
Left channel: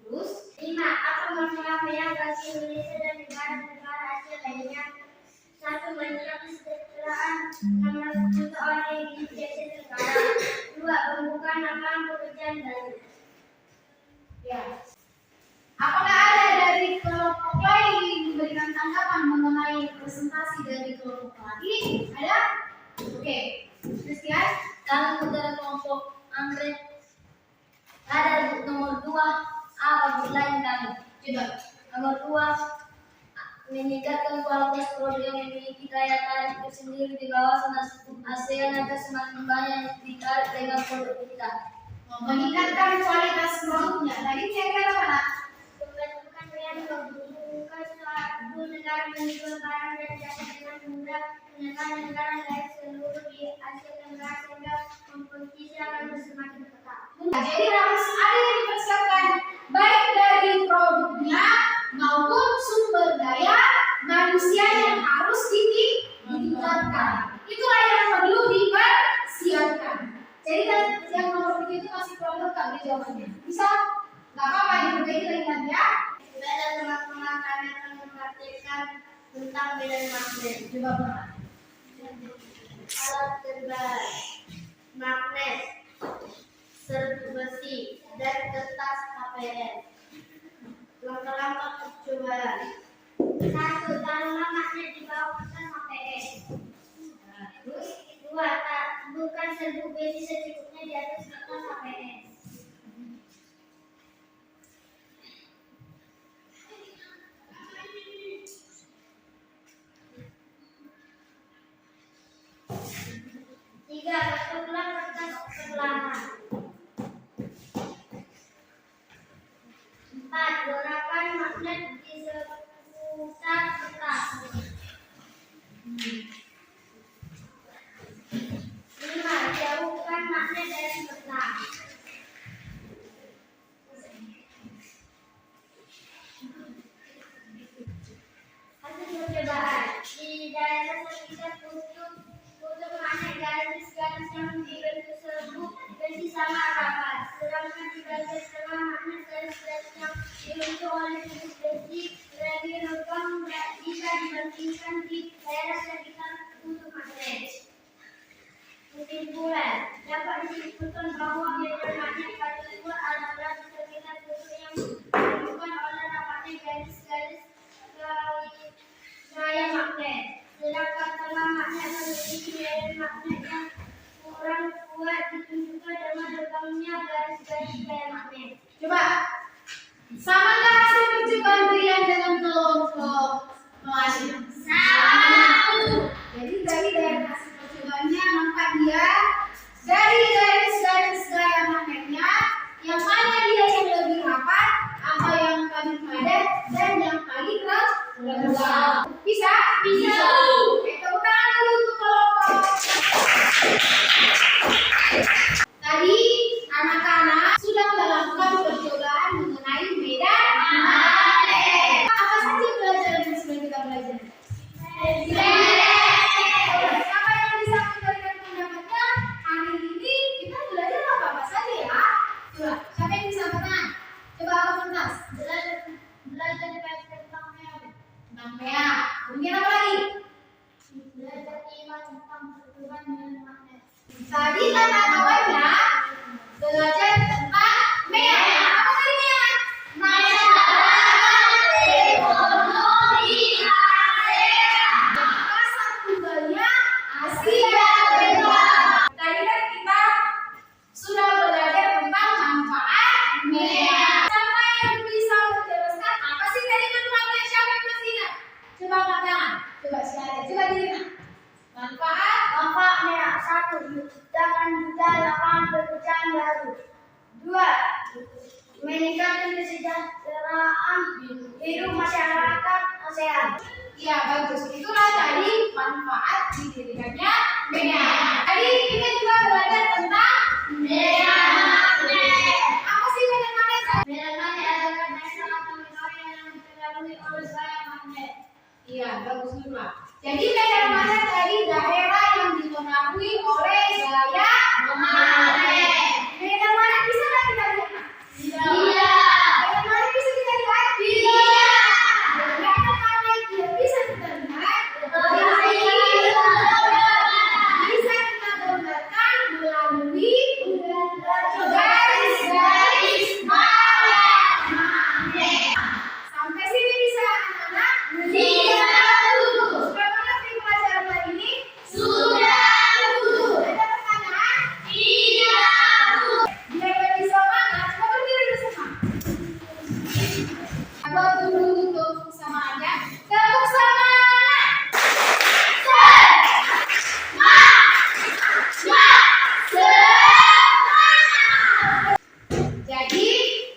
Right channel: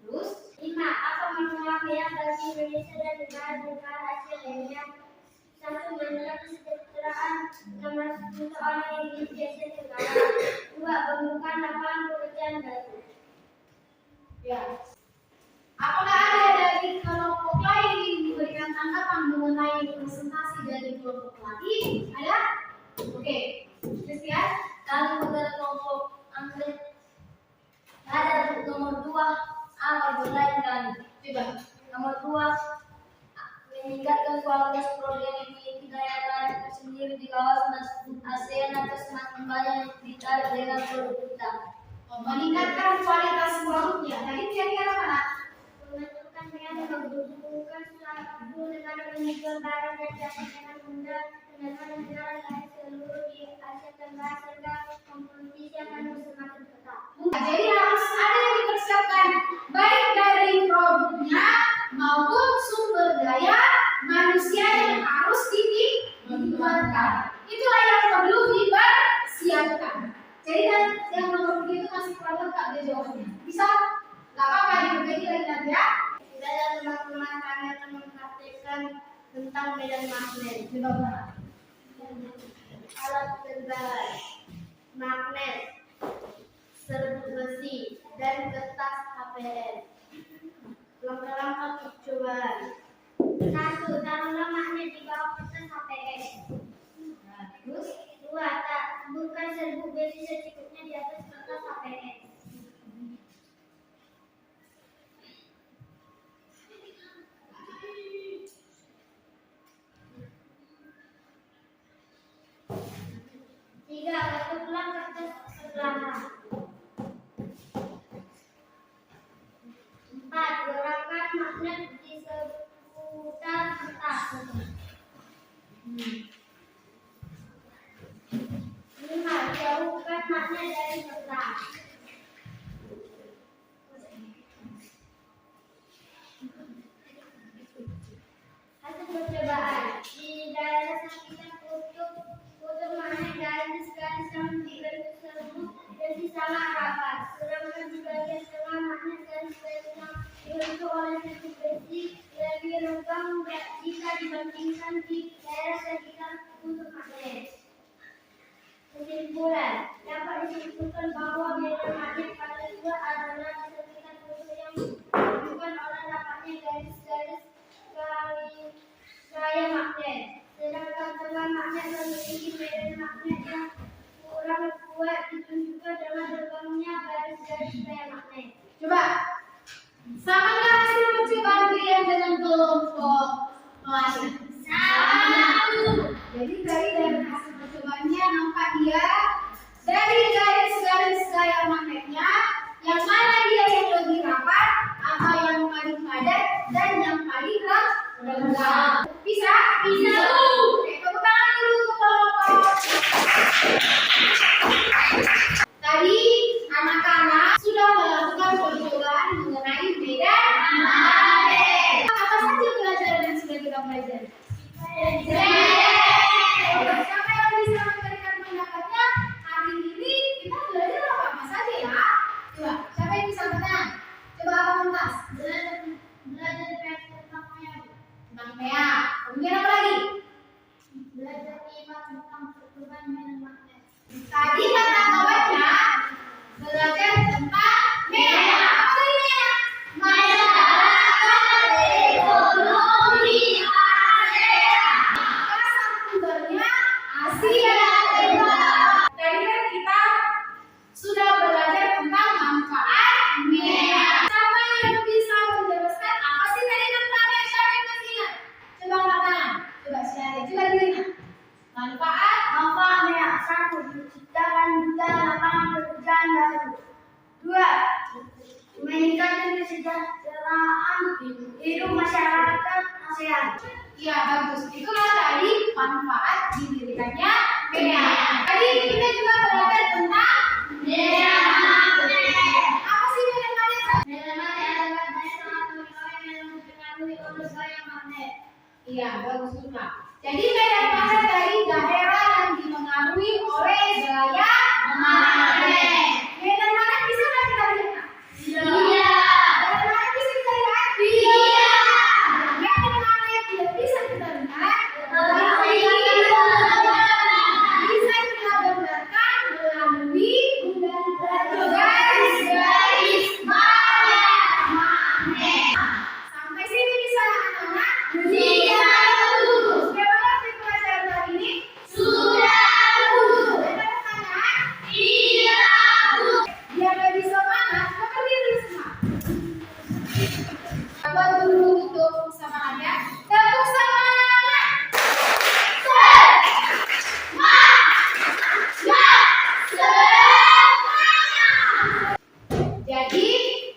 Terus, 5. Apa manfaat MEA bagi Indonesia dan negara-negara Asia lainnya? 1. Menjaga kesejahteraan 600 juta orang yang hidup di Asia Tenggara. 2. Membuka lapangan pekerjaan baru. Ya. Apakah ada dari kelompok lain yang memberikan tanggapan mengenai presentasi dari kelompok lagi? Ada? Oke. Christian? Kalau dari kelompok Andre, ada nomor 2. Apa lain kami? Coba. Nomor 2. Meningkatkan kualitas produk yang memiliki daya tarik tersendiri di kawasan ASEAN agar semakin banyak yang ditarik dengan produk kita. Meningkatkan kualitas produknya. Tadi kira-kira mana? Menentukan yang membutuhkan suatu negara menjual barang dan jasa dengan mudah dengan negara lain seluruh di Asia Tenggara sehingga kompetisi akan semakin ketat. Jadi harus ada yang dipersiapkan baik dari produknya maupun sumber daya manusia yang harus ditingkatkan. Itulah yang perlu dipersiapkan. Jadi kan yang nomor 3 itu masih kurang lengkap dia jawabannya. Bisa? Gak apa-apa diperbaiki lagi nanti ya. Baiklah teman-teman, kami akan mempraktikkan tentang medan magnet. Coba Pak. Alat tebal, magnet, serbuk besi, dan kertas HPS. Langkah-langkah percobaan. 1. Taruhlah magnet di bawah kertas HPS. Terus 2. Taburkan serbuk besi secukupnya di atas kertas HPS. 3. Bentuklah kertas perlahan. 4. Gerakkan magnet di seputar kertas. 5. Jauhkan magnet dari kertas. Hasil percobaan. Di daerah sekitar kutub magnet Kesimpulan, dapat disimpulkan bahwa biaya makna pada dua adalah sekitar bentuk yang ditunjukkan oleh rapatnya garis-garis gaya magnet. Sedangkan tengah magnet memiliki biaya magnet yang kurang kuat ditunjukkan dengan tegangnya garis-garis gaya magnet. Coba samakan hasil percobaan kalian dengan kelompok kelasnya. Jadi dari hasil percobaannya nampak dia dari garis-garis gaya magnetnya yang mana dia yang lebih rapat atau yang paling padat dan yang paling renggang. Bisa? Bisa. Tepuk tangan dulu untuk kelompok. Tadi anak-anak sudah melakukan percobaan mengenai medan magnet. Apa saja pelajaran yang sudah kita pelajari? Siapa yang bisa memberikan pendapatnya? Hari ini kita belajar apa saja ya? Coba, siapa yang bisa bertanya? Coba apa pentas? Belajar tentang medan. Tentang PA. Kemudian apa lagi? Belajar iman tentang percobaan medan magnet. Tadi kata kawannya belajar tentang medan. Apa tadi medan? Masyarakat ekonomi ASEAN. Pasar tunggalnya Asia Tenggara. Tadi kan kita sudah belajar tentang manfaat medan. Siapa yang bisa menjelaskan apa sih tadi manfaatnya? Siapa yang masih ingat? Coba angkat tangan. Coba share. Coba diterima. Manfaatnya 1. Menciptakan juta lapangan pekerjaan baru. 2. Meningkatkan kesejahteraan hidup masyarakat ASEAN. Ya bagus. Itulah tadi manfaat didirikannya medan. Tadi kita juga belajar tentang medan magnet. Apa sih medan magnet? Medan magnet adalah daerah atau wilayah yang dipengaruhi oleh gaya magnet. Iya bagus juga. Jadi medan magnet dari daerah yang dipengaruhi oleh gaya magnet. Medan magnet bisa nggak kita lihat? Iya. Medan magnet bisa kita lihat? Iya. Medan magnet tidak bisa kita lihat? Bisa kita gambarkan melalui garis-garis magnet. Sampai sini bisa anak-anak? Iya. Sudah mengerti pelajaran hari ini? Sudah, Bu. Ada pertanyaan? Iya, Bu. Biar lebih semangat, coba berdiri dulu semua. Buat dulu untuk semangatnya. Tepuk semangat. Jadi,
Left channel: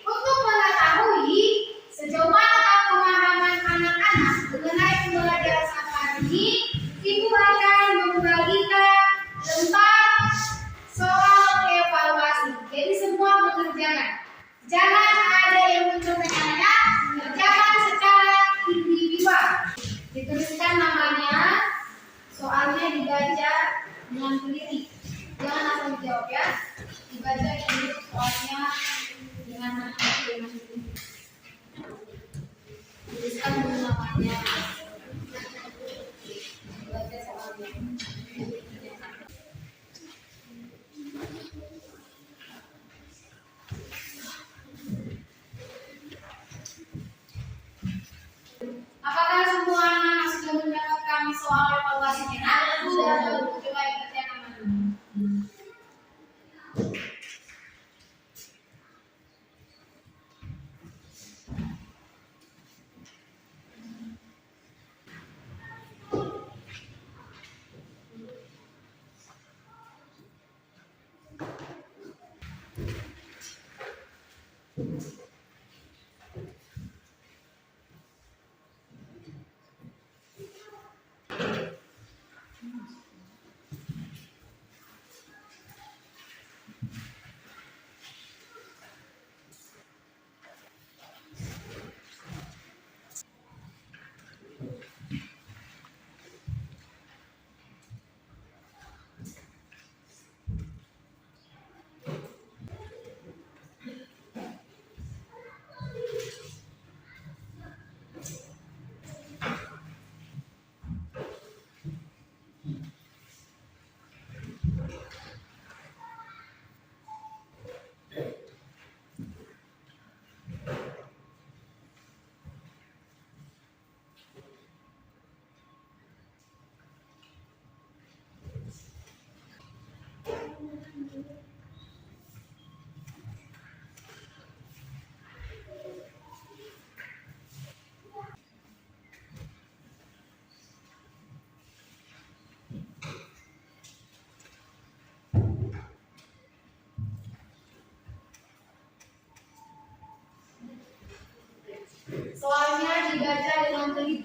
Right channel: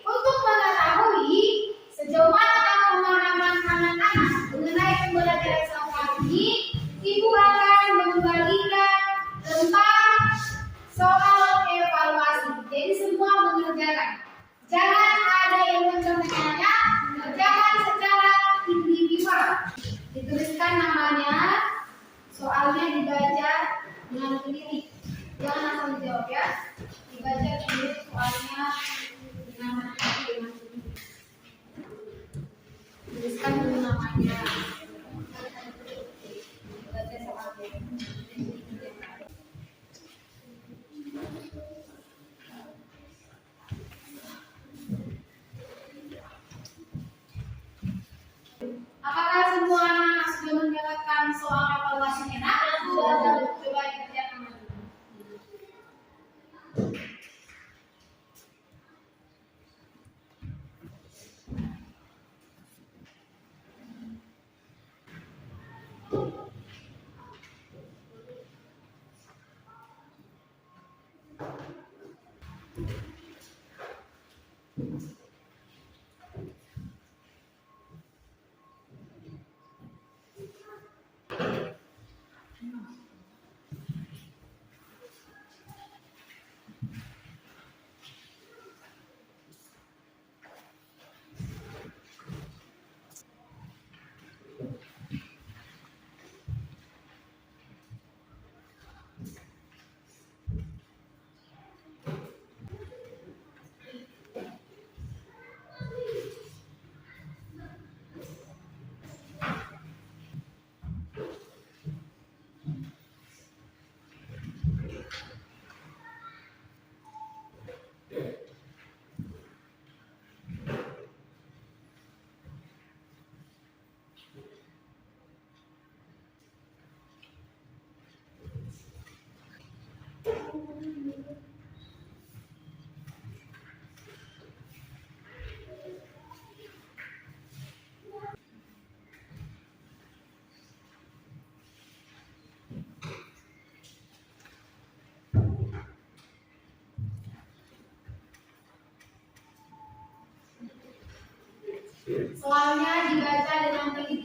untuk mengetahui sejauh mana pemahaman anak-anak mengenai pembelajaran safari ini, Ibu akan membagikan tentang soal evaluasi. Jadi semua mengerjakan. Jangan ada yang mencontohkannya, mengerjakan secara individual. Dituliskan namanya, soalnya dibaca dengan teliti. Jangan asal dijawab ya. Dibaca dulu soalnya dengan teliti. Tuliskan dulu namanya. Baca soalnya. Apakah semua anak sudah mendapatkan soal evaluasinya? Nah, sudah. Coba dikerjakan dulu.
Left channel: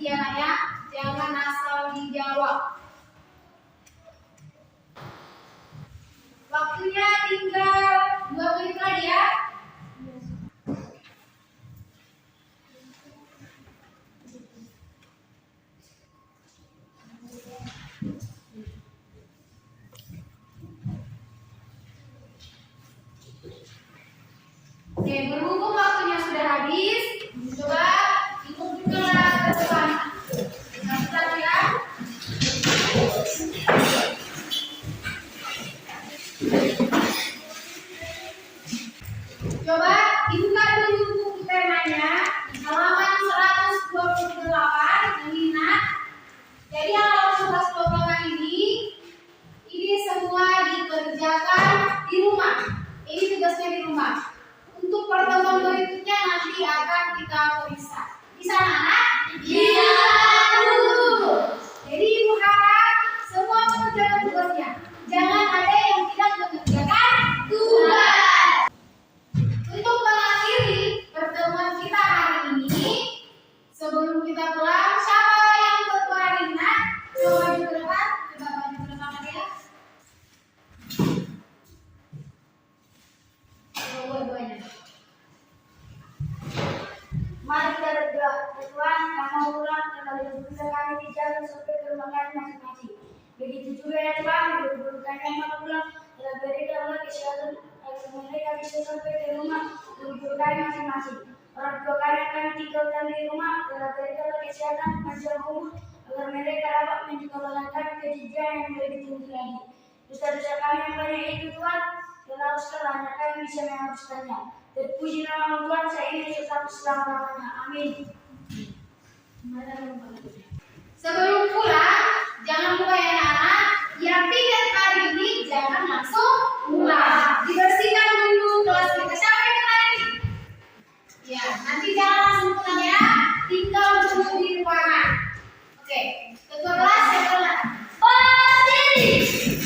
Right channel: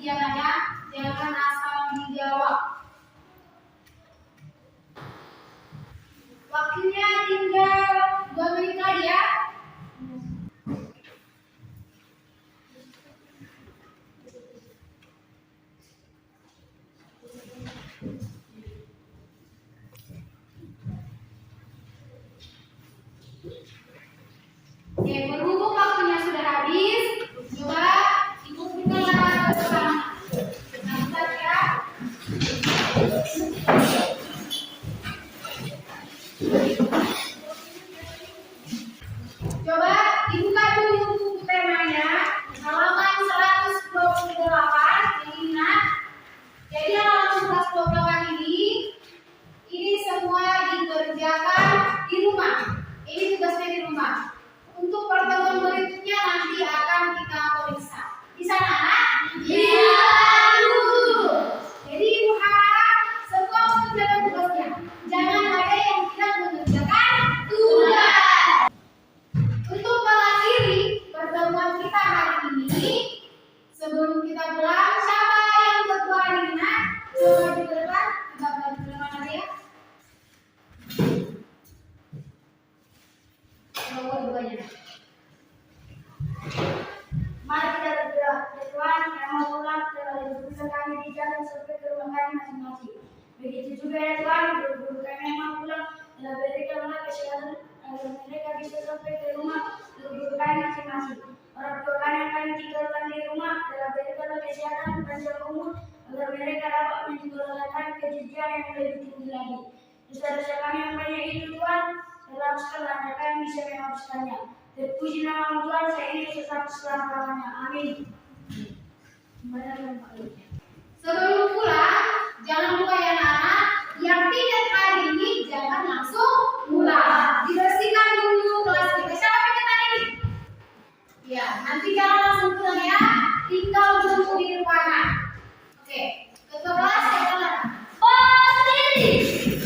teliti anak ya, jangan asal dijawab. Waktunya tinggal 2 menit lagi ya. Oke, berhubung waktunya sudah habis, coba ikut-ikutlah ke depan. Bentar ya. Coba dibuka dulu buku temanya, halaman 128 ini nak. Jadi halaman 128 ini semua dikerjakan di rumah. Ini tugasnya di rumah. Untuk pertemuan berikutnya nanti akan kita periksa. Di sana anak? Iya. Jadi ibu harap semua mengerjakan tugasnya. Jangan ada yang tidak mengerjakan tugas. Untuk mengakhiri pertemuan kita hari ini, sebelum kita pulang, siapa yang ketua hari ini? Coba maju ke depan, coba maju ke depan lagi ya. Coba dua-duanya. Mari kita berdoa. Ya Tuhan, yang mau pulang tinggal dudukkan kami di jalan sampai ke rumah kami masing-masing. Begitu juga ya Tuhan, guru-guru kami yang mau pulang telah berikanlah kesehatan agar mereka bisa sampai ke rumah guru-guru kami masing-masing. Orang tua kami yang kami tinggalkan di rumah telah berikanlah kesehatan panjang umur agar mereka dapat menyekolahkan ke jenjang yang lebih tinggi lagi. Dosa-dosa kami yang banyak itu Tuhan, telah hapuskanlah hanya kami bisa menghapuskannya. Terpuji nama Tuhan, saya ini tetap selama-lamanya. Amin. Sebelum pulang, jangan lupa ya anak-anak, yang piket hari ini jangan langsung pulang. Dibersihkan dulu kelas kita. Siapa yang piket hari ini? Ya, nanti jangan langsung pulang ya. Tinggal dulu di ruangan. Oke, ketua kelas siapa? Berdiri.